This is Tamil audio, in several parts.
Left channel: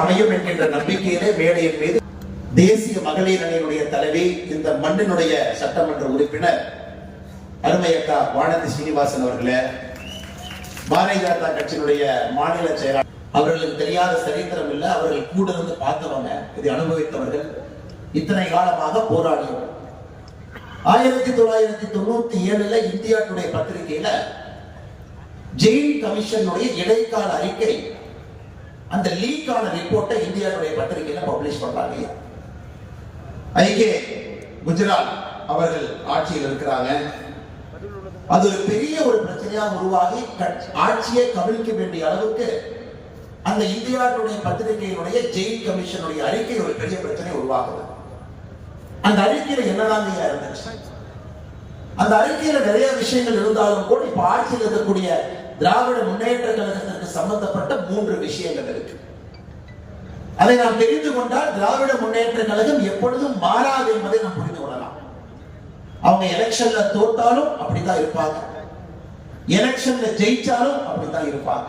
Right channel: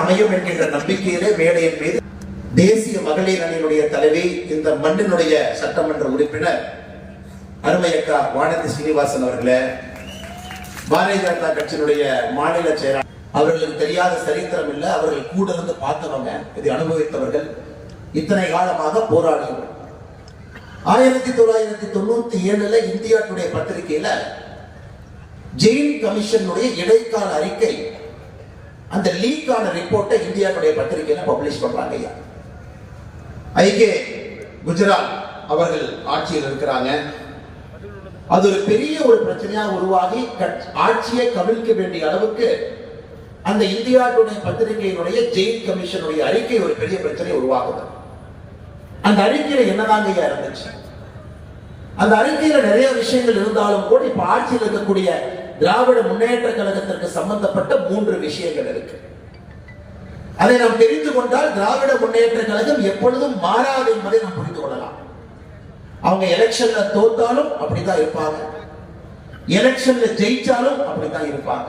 அமையும் என்கின்ற நம்பிக்கையிலே மேடையின் மீது தேசிய மகளிர் அணியினுடைய தலைவி, இந்த மண்ணினுடைய சட்டமன்ற உறுப்பினர் அருமையக்கா வானதி ஸ்ரீனிவாசன் அவர்களே, பாரதிய ஜனதா கட்சியினுடைய மாநில செயலாளர், அவர்களுக்கு தெரியாத சரித்திரம் இல்லை. அவர்கள் கூட இருந்து பார்த்தவங்க, இதை அனுபவித்தவர்கள், இத்தனை காலமாக போராடியவர்கள். 1997 இந்தியா டுடே பத்திரிகையில ஜெயில் கமிஷனுடைய இடைக்கால அறிக்கை, அந்த லீக்கான ரிப்போர்ட்டை இந்தியாவுடைய பத்திரிகையில பப்ளிஷ் பண்றாங்க. ஐகே குஜராத் அவர்கள் ஆட்சியில் இருக்கிறாங்க. அது ஒரு பெரிய ஒரு பிரச்சனையாக உருவாகி ஆட்சியை கவிழ்க்க வேண்டிய அளவுக்கு அந்த இந்தியாவுடைய பத்திரிகையினுடைய ஜெயில் கமிஷனுடைய அறிக்கை ஒரு பெரிய பிரச்சனை உருவாகுது. அந்த அறிக்கையில என்னதாங்க இருந்துச்சு? அந்த அறிக்கையில நிறைய விஷயங்கள் இருந்தாலும் கூட இப்ப ஆட்சியில் இருக்கக்கூடிய திராவிட முன்னேற்ற கழகத்திற்கு சம்பந்தப்பட்ட 3 விஷயங்கள் இருக்கு. அதை நாம் தெரிந்து கொண்டால் திராவிட முன்னேற்ற கழகம் எப்பொழுதும் மாறாது என்பதை நாம் புரிந்து கொள்ளலாம். அவங்க எலெக்ஷன்ல தோத்தாலும் அப்படிதான் இருப்பாங்க, எலெக்ஷன்ல ஜெயிச்சாலும் அப்படித்தான் இருப்பாங்க.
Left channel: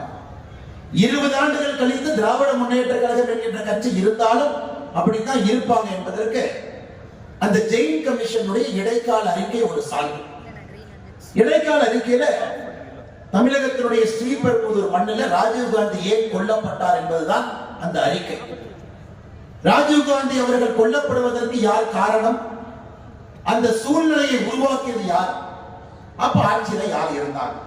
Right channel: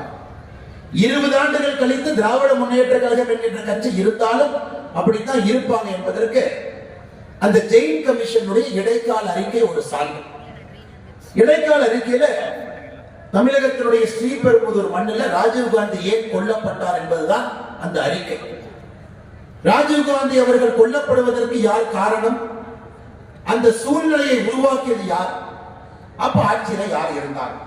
20 ஆண்டுகள் கழித்து திராவிட முன்னேற்ற கழகம் என்கின்ற கட்சி இருந்தாலும் அப்படித்தான் இருப்பாங்க என்பதற்கு அந்த ஜெயில் கமிஷனுடைய இடைக்கால அறிக்கை ஒரு சான்று. இடைக்கால அறிக்கையில தமிழகத்தினுடைய ஸ்ரீபெரும்புதூர் மண்ணில் ராஜீவ்காந்தி ஏன் கொல்லப்பட்டார் என்பதுதான் அந்த அறிக்கை. ராஜீவ்காந்தி அவர்கள் கொல்லப்படுவதற்கு யார் காரணம்? அந்த சூழ்நிலையை உருவாக்கியது யார்? அப்ப ஆட்சியில யார் இருந்தார்?